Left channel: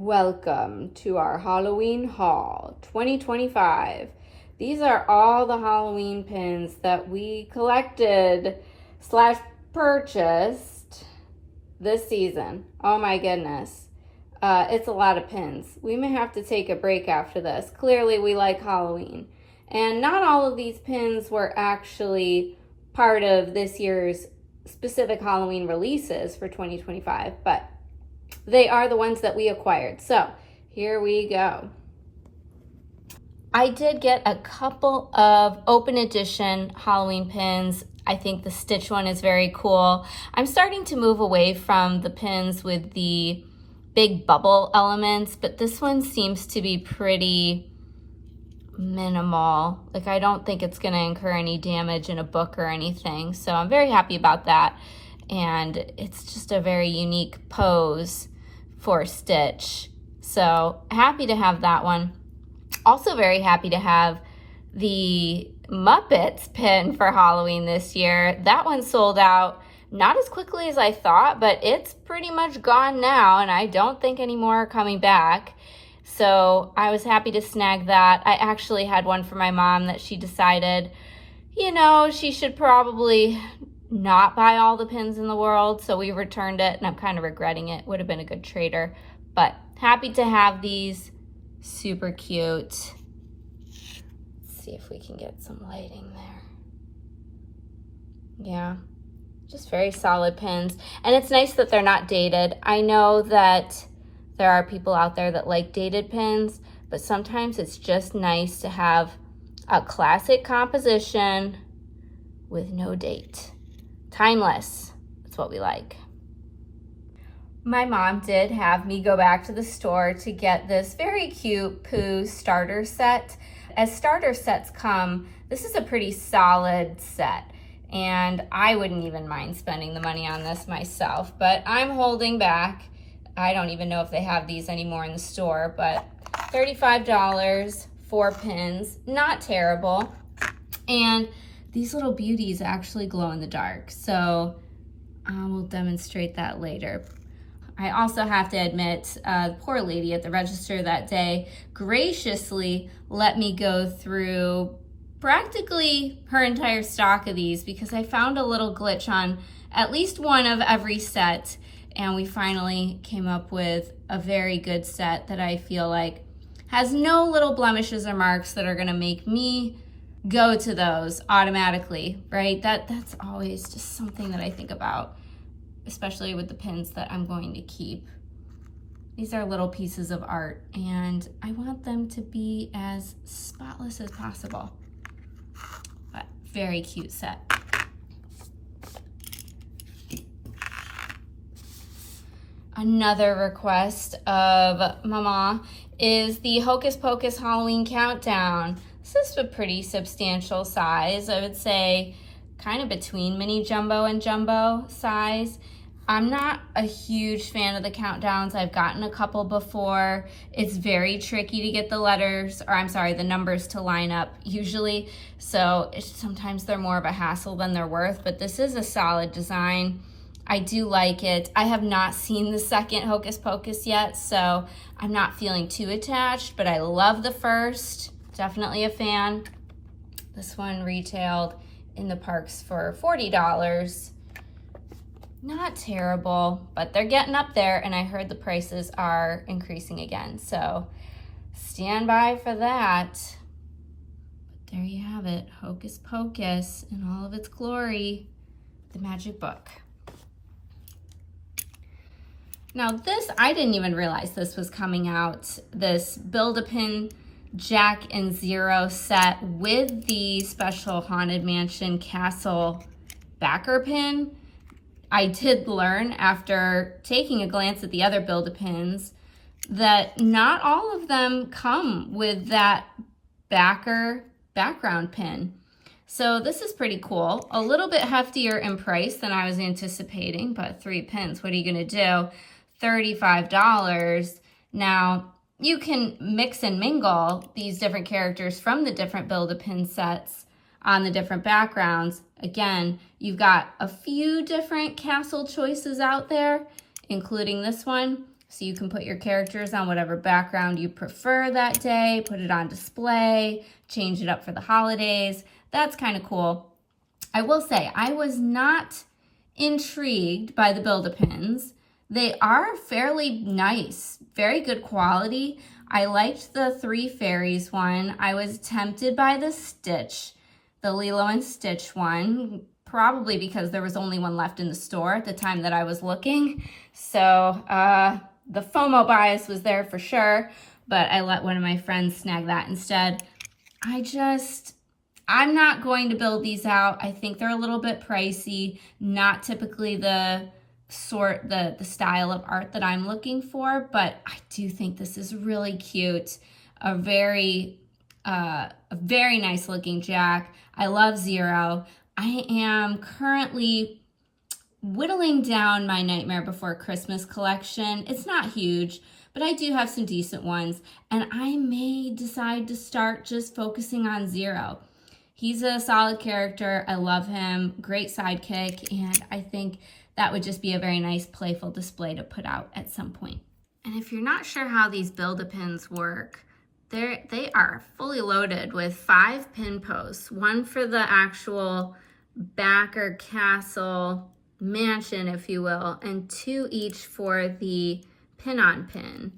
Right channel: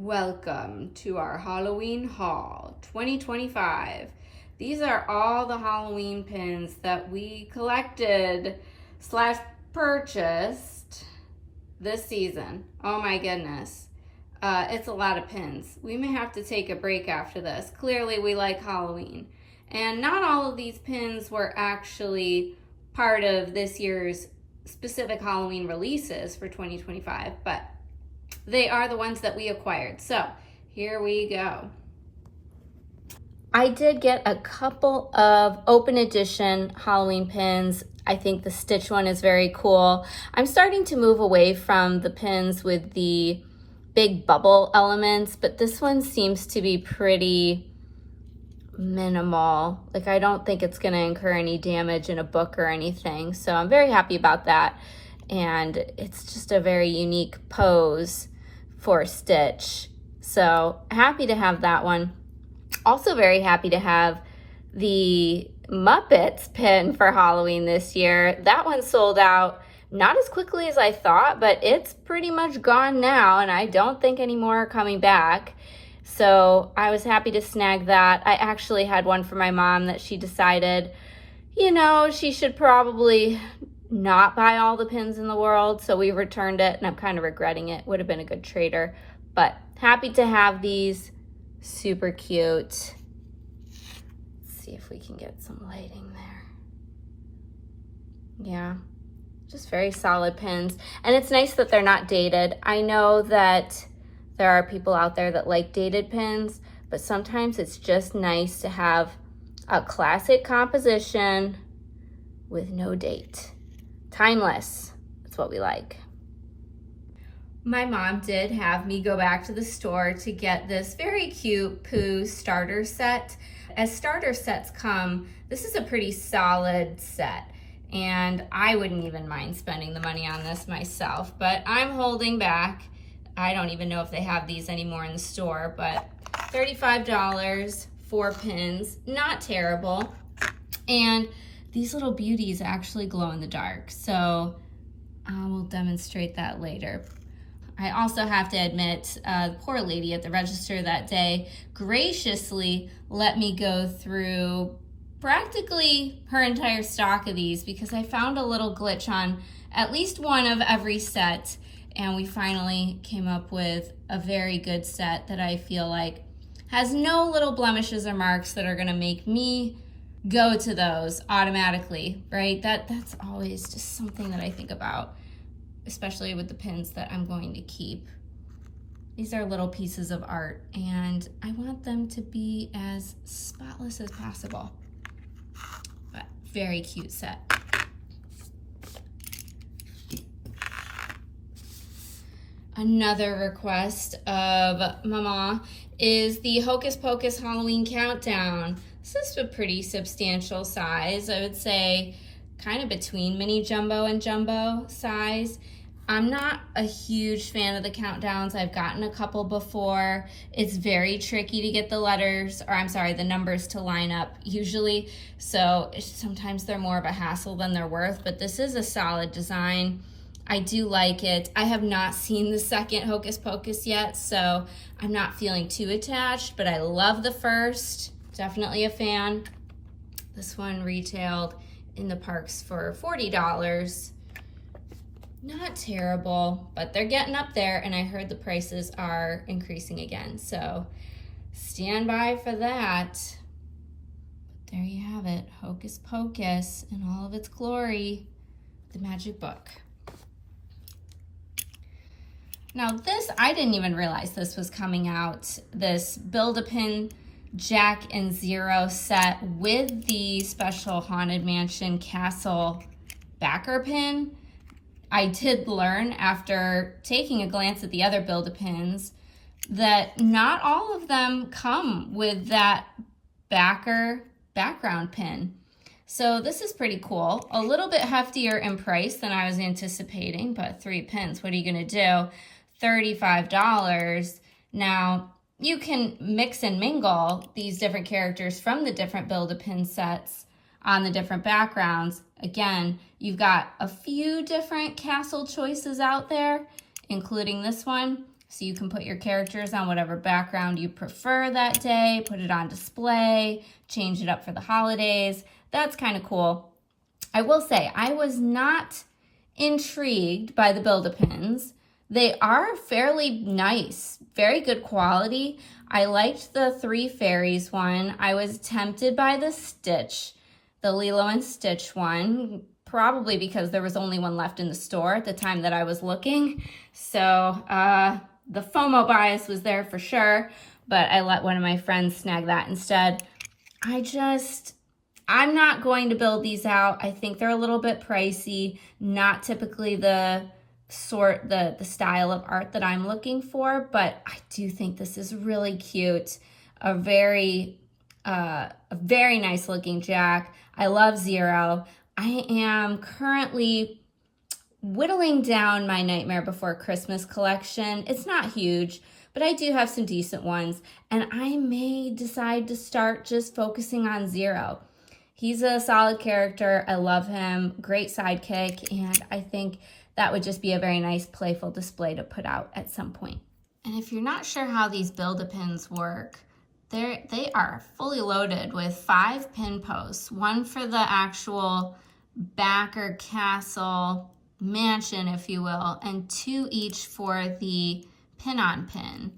Welcome to our Halloween haul 2025. These are all the Halloween pins that we collected / purchased this season. Oh my goodness. It's a lot of pins. We may have to take a break after this. Clearly we like Halloween. And not all of these pins were actually part of this year's specific Halloween releases for 2025, but they are the ones that we acquired. So here we go. I did get a couple of open edition Halloween pins. I think the Stitch one is very cool. I'm starting to move away from the pins with the big bubble elements, but this one seems to be pretty minimal. Like, I don't think it's gonna incur any damage in a book or anything. So I'm very happy about that. And it's just a very unique pose for Stitch. So happy to have that one. Also very happy to have the Muppets pin for Halloween this year. That one sold out not as quickly as I thought, but it's pretty much gone now, and I don't think any more are coming back. So I was happy to snag that. I actually had one for my mom that she decided, you know, she should probably not buy all the pins in the world, so we returned it, and I'm kind of regretting it. Would have been a good trader, but happy to have these. Super cute. Let's see if we can get some lighting there. Yeah, just very solid pins, and it's nice that they're not dated. I know that there are people out there that like dated pins, but sometimes it's just nice to have a classic composition with no date. Timeless, that's what we like. My mom did have me go back to the store to get this very cute Pooh starter set. As starter sets come, this is a pretty solid set, and I wouldn't even mind spending the money on this myself, but I'm holding back. I don't even know if they have these anymore in the store, but $35, 4 pins, not terrible. And these little beauties actually glow in the dark, so I will demonstrate that later. I also have to admit, the poor lady at the register that day graciously let me go through practically her entire stock of these because I found a little glitch on at least one of every set, and we finally came up with a very good set that I feel like has no little blemishes or marks that are gonna make me go to those automatically, right? That's always just something that I think about, especially with the pins that I'm going to keep. These are little pieces of art, and I want them to be as spotless as possible. But very cute set. Another request of Mama is the Hocus Pocus Halloween Countdown. This is a pretty substantial size. I would say kind of between mini jumbo and jumbo size. I'm not a huge fan of the countdowns. I've gotten a couple before. It's very tricky to get the numbers to line up usually. So sometimes they're more of a hassle than they're worth, but this is a solid design. I do like it. I have not seen the second Hocus Pocus yet, so I'm not feeling too attached, but I love the first. Definitely a fan. This one retailed in the parks for $40. Not terrible, but they're getting up there, and I heard the prices are increasing again, so stand by for that. But there you have it, Hocus Pocus in all of its glory, the magic book. Now this, I didn't even realize this was coming out, this Build-A-Pin Jack and Zero set with the special Haunted Mansion Castle backer pin. I did learn after taking a glance at the other Build-A-Pins that not all of them come with that backer background pin. So this is pretty cool. A little bit heftier in price than I was anticipating, but 3 pins, what are you gonna do? $35. Now, you can mix and mingle these different characters from the different Build-A-Pin sets on the different backgrounds. Again, you've got a few different castle choices out there, including this one. So you can put your characters on whatever background you prefer that day, put it on display, change it up for the holidays. That's kind of cool. I will say, I was not intrigued by the Build-A-Pins. They are fairly nice, very good quality. I liked the Three Fairies one. I was tempted by the Stitch, the Lilo and Stitch one, probably because there was only one left in the store at the time that I was looking. So the FOMO bias was there for sure, but I let one of my friends snag that instead. I'm not going to build these out. I think they're a little bit pricey, not typically the style of art that I'm looking for, but I do think this is really cute. A very nice looking Jack. I love Zero. I am currently whittling down my Nightmare Before Christmas collection. It's not huge, but I do have some decent ones, and I may decide to start just focusing on Zero. He's a solid character. I love him. Great sidekick, and I think that would just be a very nice playful display to put out at some point. And if you're not sure how these Build-A-Pins work, they are fully loaded with 5 pin posts, one for the actual backer castle mansion, if you will, and 2 each for the pin-on-pin,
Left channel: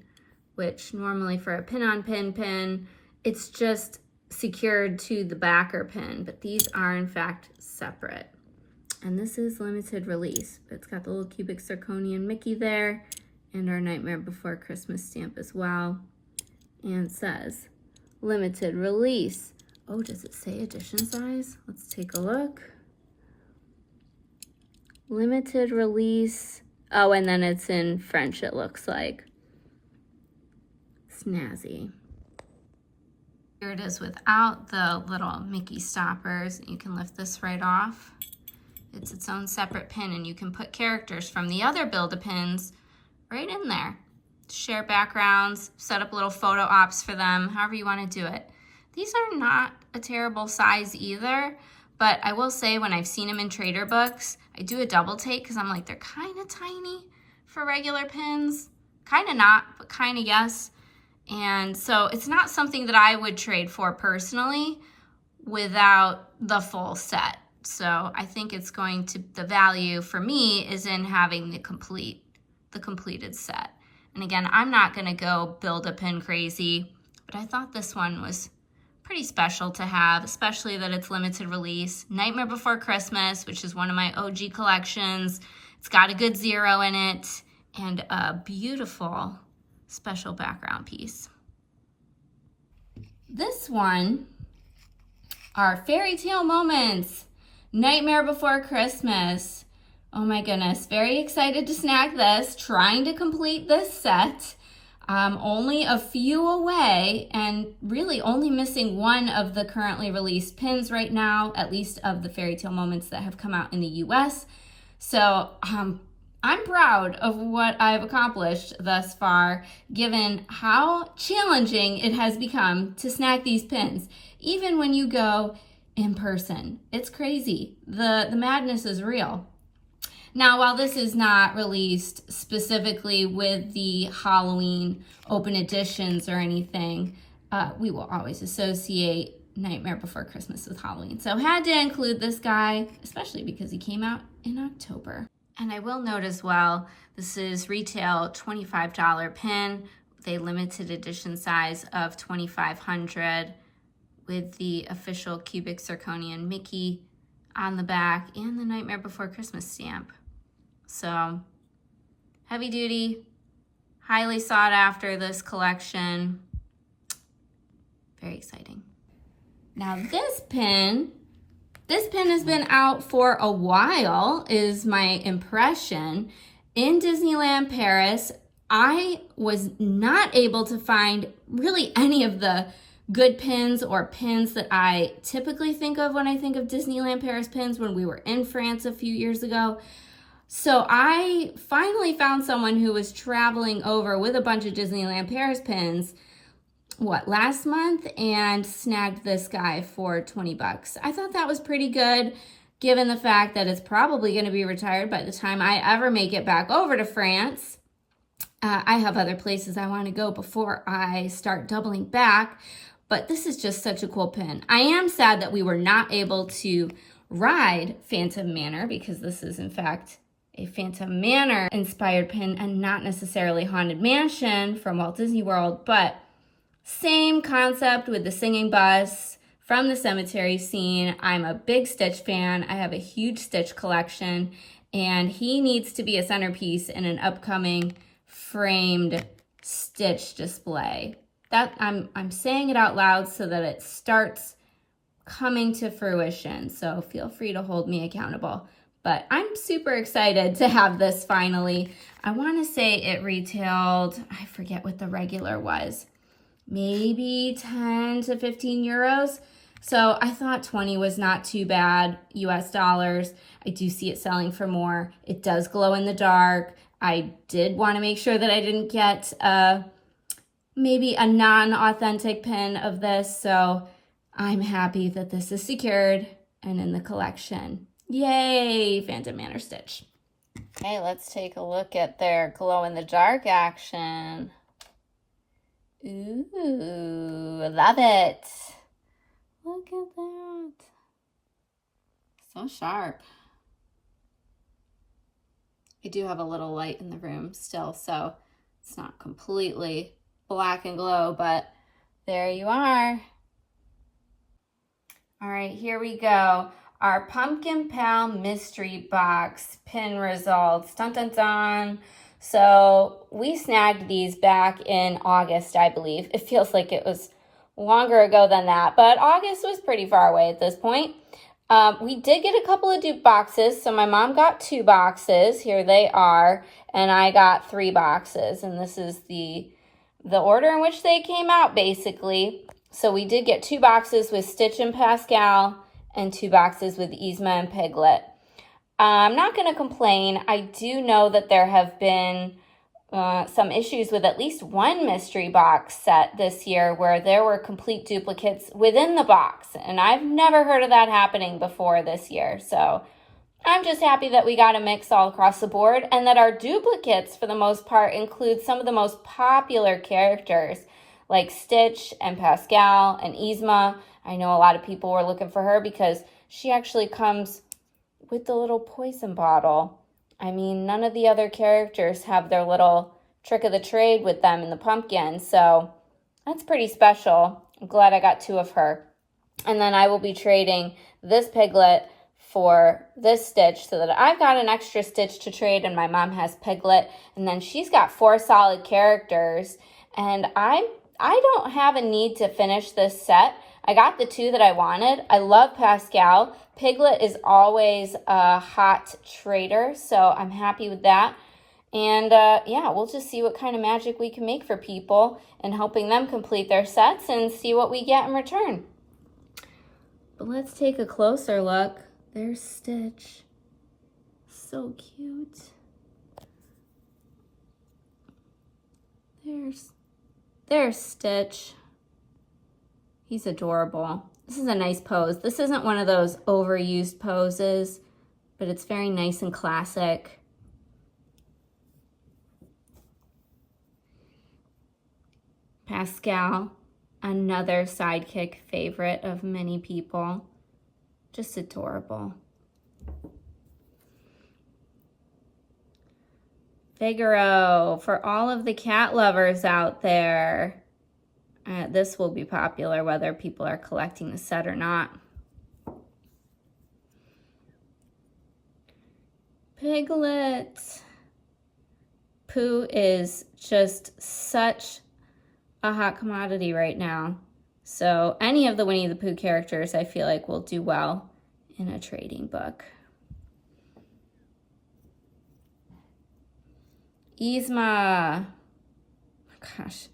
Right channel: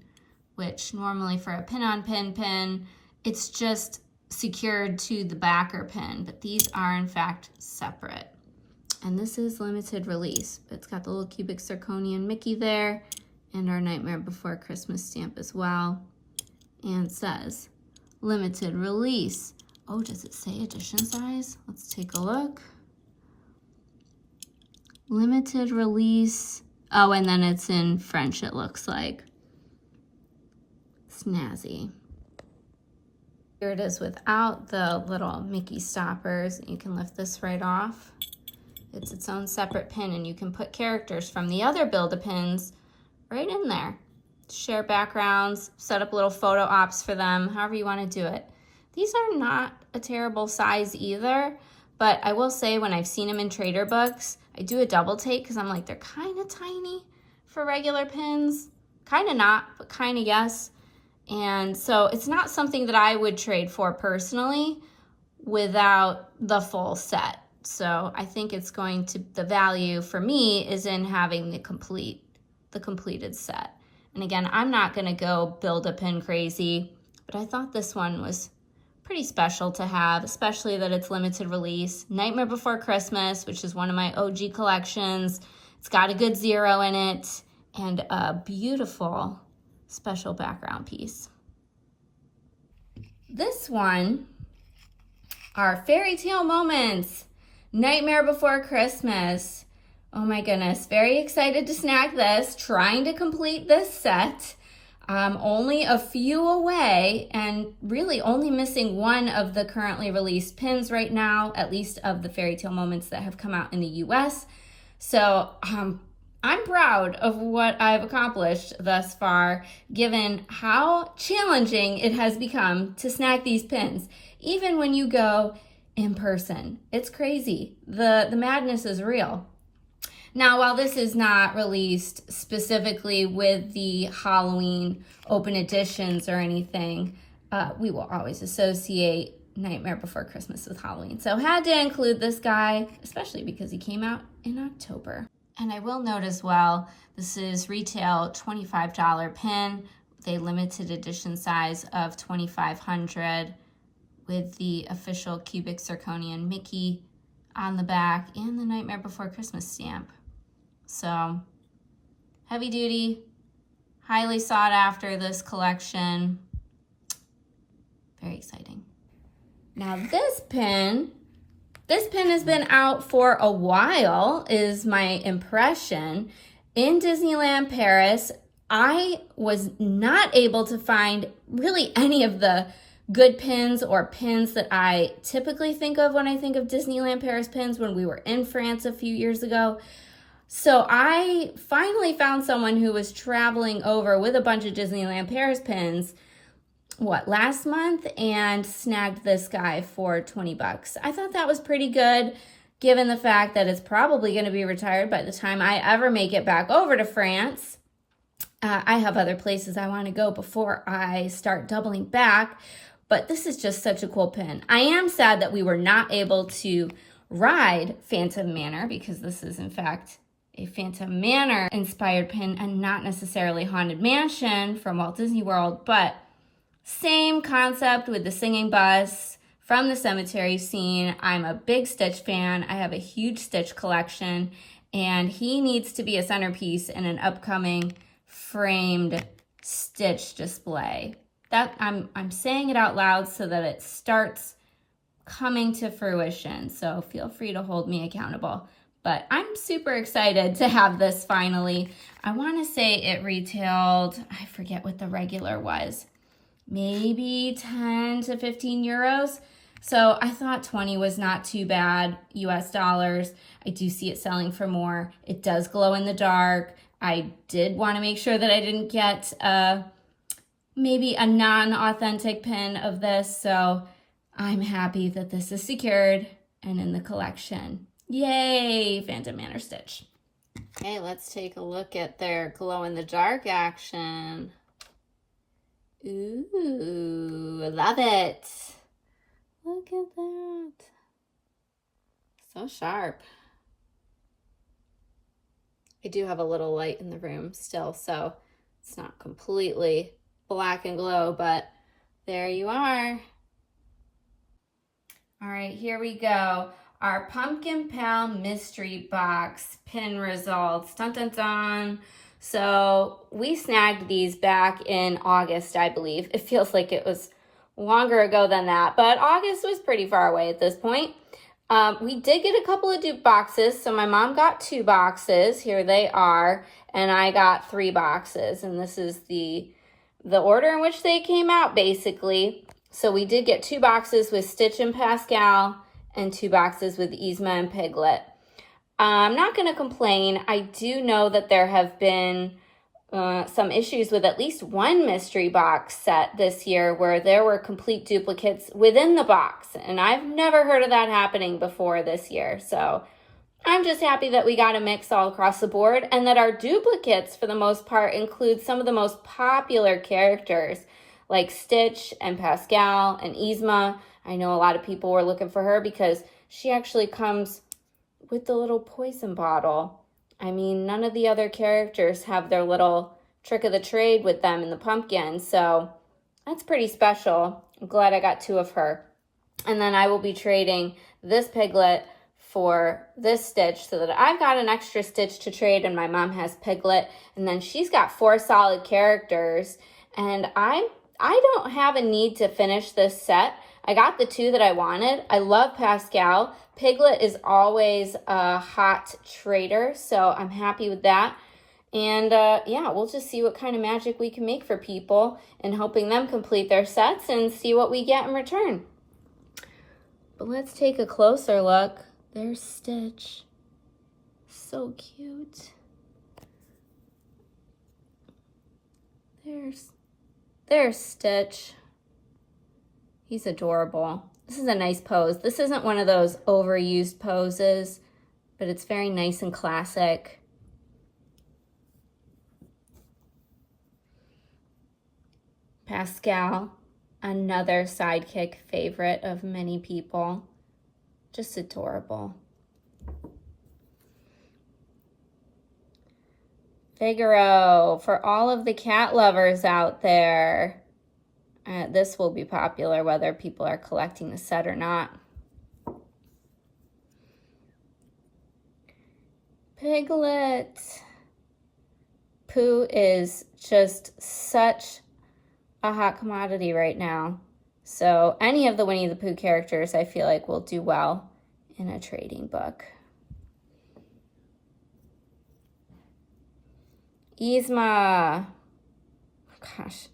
which normally for a pin-on-pin pin, it's just secured to the backer pin, but these are in fact separate. And this is limited release. It's got the little cubic zirconian Mickey there and our Nightmare Before Christmas stamp as well. And it says limited release. Oh, does it say edition size? Let's take a look. Limited release. Oh, and then it's in French, it looks like. Snazzy. Here it is without the little Mickey stoppers. You can lift this right off. It's its own separate pin, and you can put characters from the other Build-A-Pins right in there. Share backgrounds, set up little photo ops for them, however you want to do it. These are not a terrible size either, but I will say when I've seen them in Trader Books, I do a double take because I'm like, they're kind of tiny for regular pins. Kind of not, but kind of yes. And so it's not something that I would trade for personally without the full set. So I think it's going to, the value for me is in having the completed set. And again, I'm not gonna go Build-A-Pin crazy, but I thought this one was pretty special to have, especially that it's limited release. Nightmare Before Christmas, which is one of my OG collections. It's got a good Zero in it and a beautiful special background piece. This one are Fairy Tale Moments, Nightmare Before Christmas. Oh my goodness, very excited to snag this, trying to complete this set. Only a few away and really only missing one of the currently released pins right now, at least of the Fairy Tale Moments that have come out in the US. So I'm proud of what I've accomplished thus far, given how challenging it has become to snag these pins, even when you go in person. It's crazy. The madness is real. Now, while this is not released specifically with the Halloween open editions or anything, we will always associate Nightmare Before Christmas with Halloween. So had to include this guy, especially because he came out in October. And I will note as well, this is retail $25 pin, with a limited edition size of 2,500 with the official cubic zirconian Mickey on the back and the Nightmare Before Christmas stamp. So heavy duty, highly sought after, this collection. Very exciting. Now this pin has been out for a while, is my impression. In Disneyland Paris, I was not able to find really any of the good pins or pins that I typically think of when I think of Disneyland Paris pins when we were in France a few years ago. So I finally found someone who was traveling over with a bunch of Disneyland Paris pins, last month, and snagged this guy for 20 bucks. I thought that was pretty good, given the fact that it's probably going to be retired by the time I ever make it back over to France. I have other places I want to go before I start doubling back, but this is just such a cool pin. I am sad that we were not able to ride Phantom Manor, because this is in fact a Phantom Manor inspired pin and not necessarily Haunted Mansion from Walt Disney World, but same concept with the singing bus from the cemetery scene. I'm a big Stitch fan. I have a huge Stitch collection, and he needs to be a centerpiece in an upcoming framed Stitch display. That I'm saying it out loud so that it starts coming to fruition. So feel free to hold me accountable. But I'm super excited to have this finally. I want to say it retailed, I forget what the regular was, maybe 10 to 15 euros. So I thought 20 was not too bad, US dollars. I do see it selling for more. It does glow in the dark. I did want to make sure that I didn't get maybe a non-authentic pin of this. So I'm happy that this is secured and in the collection. Yay, Phantom Manor Stitch. Okay, let's take a look at their glow-in-the-dark action. Ooh, love it. Look at that. So sharp. I do have a little light in the room still, so it's not completely black and glow, but there you are. All right, here we go. Our Pumpkin Pal Mystery Box pin results. Dun, dun, dun. So we snagged these back in August, I believe. It feels like it was longer ago than that, but August was pretty far away at this point. We did get a couple of dupe boxes. So my mom got 2 boxes. Here they are. And I got 3 boxes. And this is the order in which they came out, basically. So we did get 2 boxes with Stitch and Pascal, and 2 boxes with Yzma and Piglet. I'm not going to complain. I do know that there have been some issues with at least one mystery box set this year where there were complete duplicates within the box. And I've never heard of that happening before this year. So I'm just happy that we got a mix all across the board, and that our duplicates, for the most part, include some of the most popular characters like Stitch and Pascal and Yzma. I know a lot of people were looking for her because she actually comes with the little poison bottle. I mean, none of the other characters have their little trick of the trade with them in the pumpkin, so that's pretty special. I'm glad I got 2 of her. And then I will be trading this Piglet for this Stitch so that I've got an extra Stitch to trade, and my mom has Piglet, and then she's got 4 solid characters, and I don't have a need to finish this set. I got the 2 that I wanted. I love Pascal. Piglet is always a hot trader, so I'm happy with that. And yeah, we'll just see what kind of magic we can make for people and helping them complete their sets and see what we get in return. But let's take a closer look. There's Stitch. So cute. There's Stitch. He's adorable. This is a nice pose. This isn't one of those overused poses, but it's very nice and classic. Pascal, another sidekick favorite of many people. Just adorable. Figaro, for all of the cat lovers out there. This will be popular whether people are collecting the set or not. Piglet. Pooh is just such a hot commodity right now. So any of the Winnie the Pooh characters I feel like will do well in a trading book. Yzma. Gosh.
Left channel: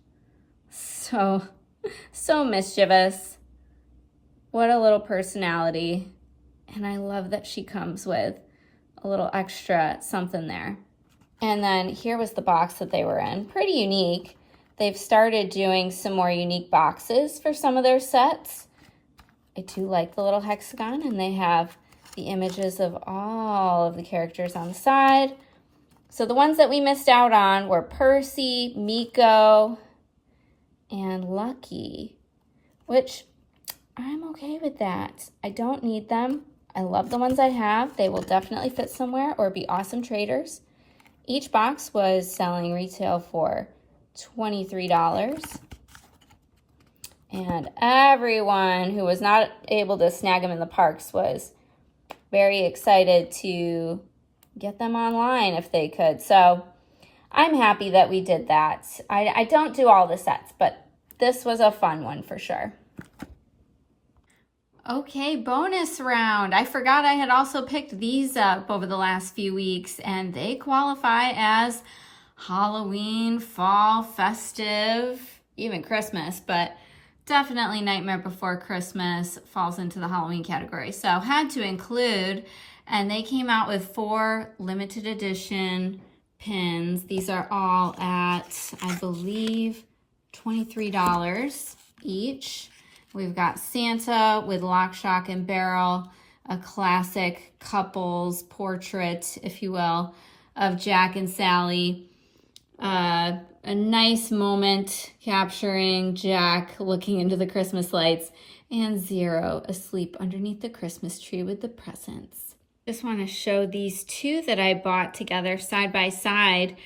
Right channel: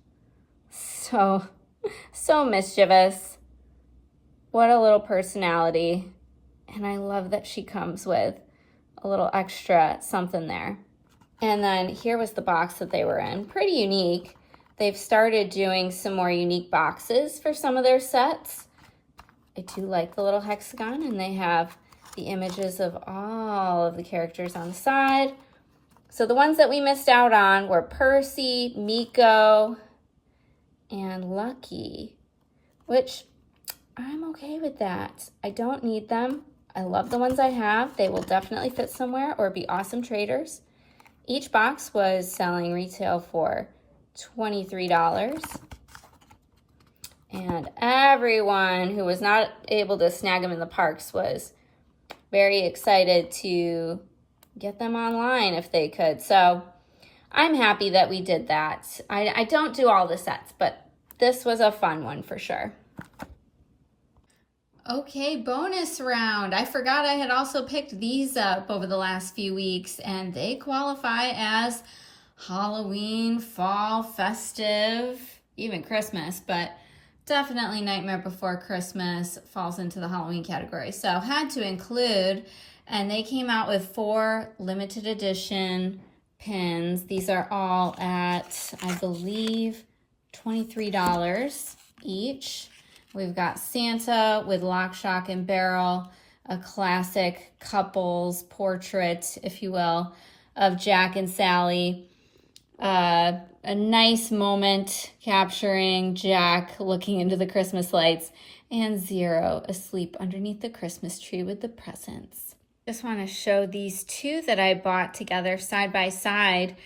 So mischievous. What a little personality. And I love that she comes with a little extra something there. And then here was the box that they were in. Pretty unique. They've started doing some more unique boxes for some of their sets. I do like the little hexagon, and they have the images of all of the characters on the side. So the ones that we missed out on were Percy, Miko, and Lucky, which I'm okay with that. I don't need them. I love the ones I have. They will definitely fit somewhere or be awesome traders. Each box was selling retail for $23. And everyone who was not able to snag them in the parks was very excited to get them online if they could. So I'm happy that we did that. I don't do all the sets, but this was a fun one for sure. Okay, bonus round. I forgot I had also picked these up over the last few weeks, and they qualify as Halloween, fall, festive, even Christmas, but definitely Nightmare Before Christmas falls into the Halloween category. So had to include, and they came out with 4 limited edition pins. These are all at, I believe, $23 each. We've got Santa with lock, shock, and barrel, a classic couples portrait, if you will, of Jack and Sally. A nice moment capturing Jack looking into the Christmas lights, and Zero asleep underneath the Christmas tree with the presents. Just want to show these 2 that I bought together side by side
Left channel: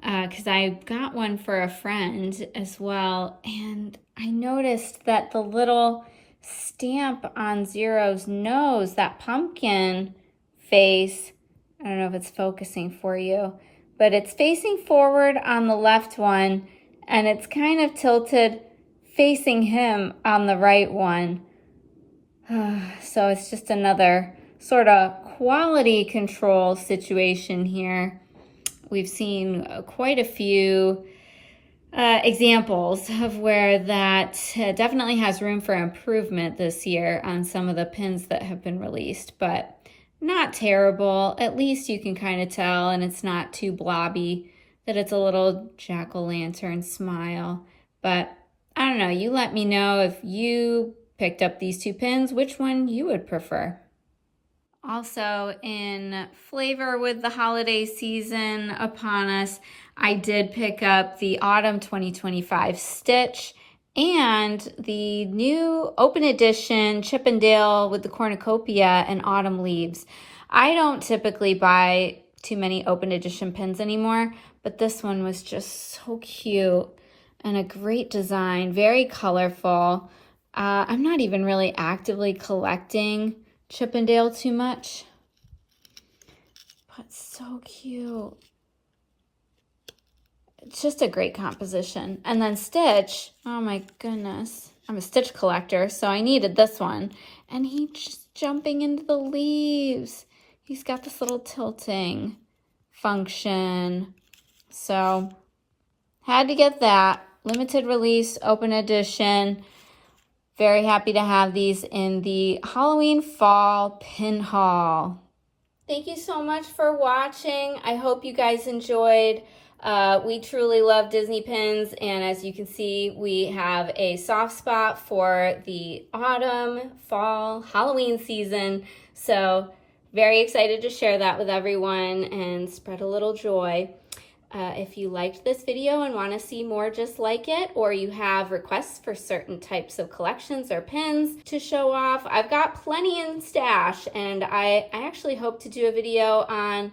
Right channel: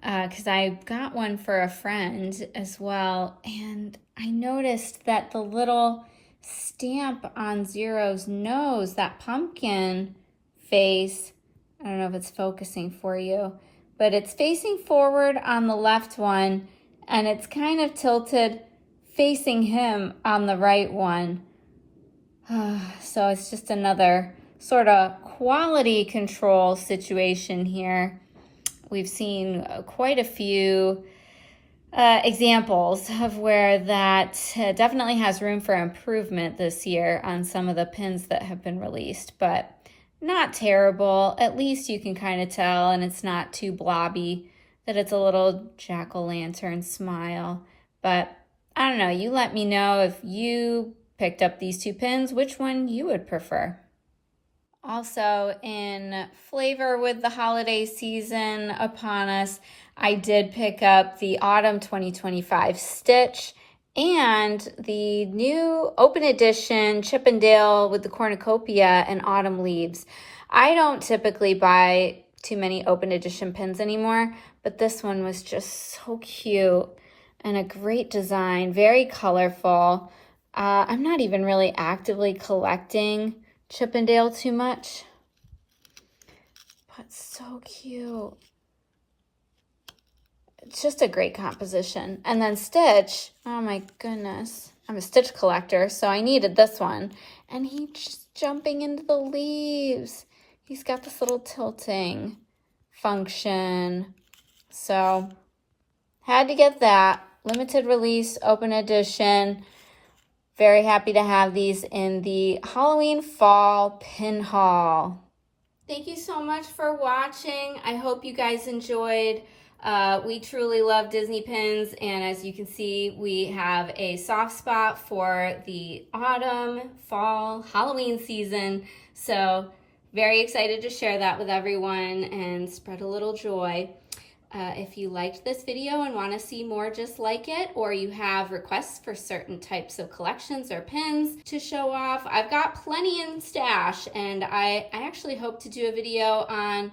because I got one for a friend as well, and I noticed that the little stamp on Zero's nose, that pumpkin face, I don't know if it's focusing for you, but it's facing forward on the left one, and it's kind of tilted facing him on the right one. So it's just another sort of quality control situation here. We've seen quite a few examples of where that definitely has room for improvement this year on some of the pins that have been released, but not terrible. At least you can kind of tell, and it's not too blobby, that it's a little jack-o'-lantern smile. But I don't know, you let me know if you picked up these 2 pins, which one you would prefer. Also, in flavor with the holiday season upon us, I did pick up the Autumn 2025 Stitch and the new open edition Chip 'n Dale with the cornucopia and autumn leaves. I don't typically buy too many open edition pins anymore, but this one was just so cute and a great design, very colorful. I'm not even really actively collecting Chip 'n Dale too much, but so cute. It's just a great composition. And then Stitch, oh my goodness, I'm a Stitch collector, so I needed this one. And he's just jumping into the leaves. He's got this little tilting function. So had to get that. Limited release, open edition. Very happy to have these in the Halloween Fall Pin Haul. Thank you so much for watching. I hope you guys enjoyed. We truly love Disney pins, and as you can see, we have a soft spot for the autumn, fall, Halloween season. So very excited to share that with everyone and spread a little joy. If you liked this video and want to see more just like it, or you have requests for certain types of collections or pins to show off, I've got plenty in stash, and I actually hope to do a video on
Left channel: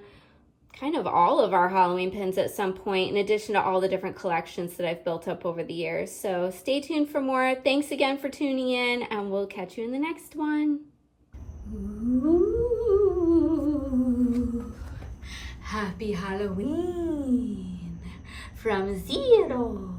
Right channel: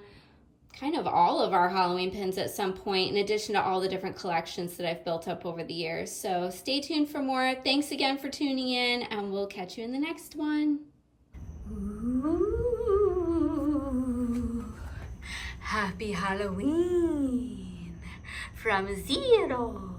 kind of all of our Halloween pins at some point, in addition to all the different collections that I've built up over the years. So stay tuned for more. Thanks again for tuning in, and we'll catch you in the next one. Ooh, happy Halloween from Zero.